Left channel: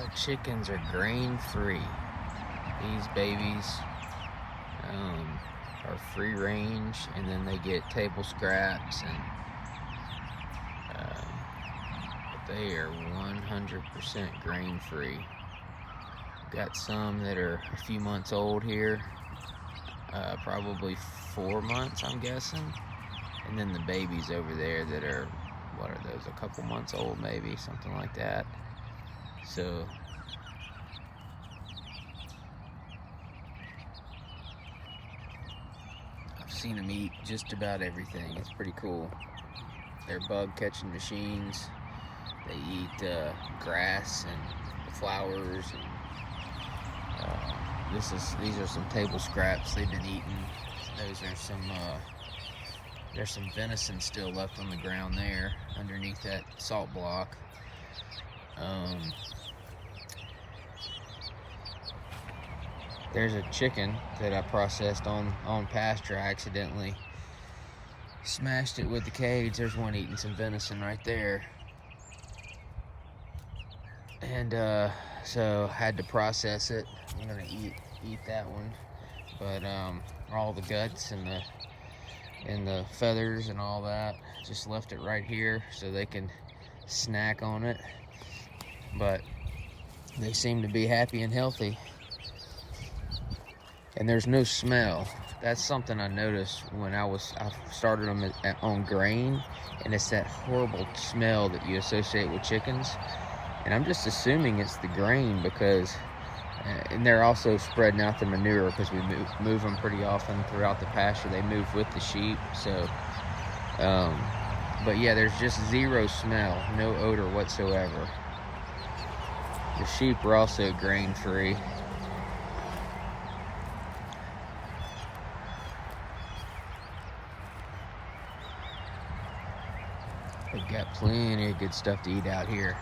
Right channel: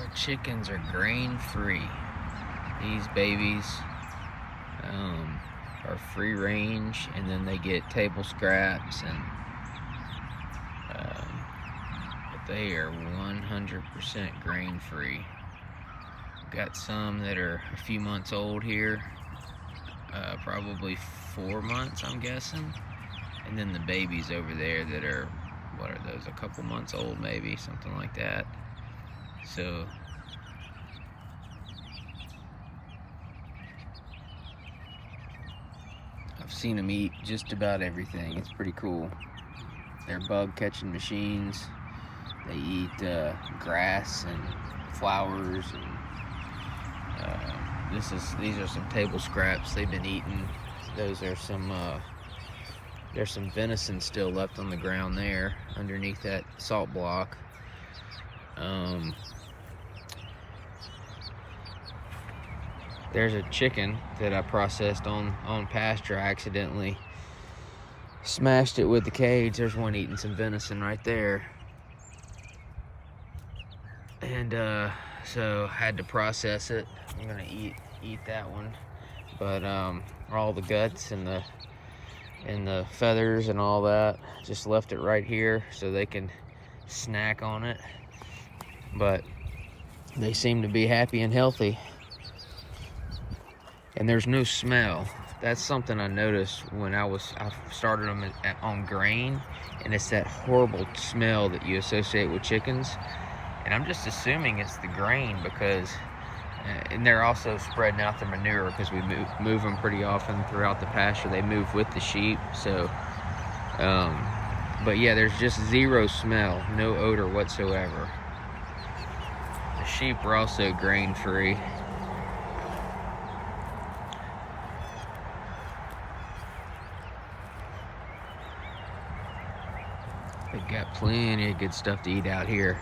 The chickens are grain-free. These babies are free range, and then they get table scraps, and but they are 100% grain-free. Got some that are a few months old here, probably 4 months, I'm guessing, and then the babies over there that are, what are those, a couple months old maybe, something like that. So I've seen them eat just about everything. It's pretty cool. They're bug catching machines. They eat grass and flowers, and these are some table scraps they've been eating. Those are some there's some venison still left on the ground there underneath that salt block. There's a chicken that I processed on pasture. I accidentally smashed it with the cage. There's one eating some venison right there. And so I had to process it. I'm gonna eat that one. But all the guts and the feathers and all that, just left it right here so they can snack on it. But they seem to be happy and healthy. And there's no smell. That's something I noticed when I started them on grain, and it's that horrible smell that you associate with chickens. And I'm just assuming it's the grain, because, and they're also spreading out the manure because we move them pretty often throughout the pasture. They move with the sheep, so, but yeah, there's just zero smell, no odor whatsoever. The sheep are also grain-free. They've got plenty of good stuff to eat out here.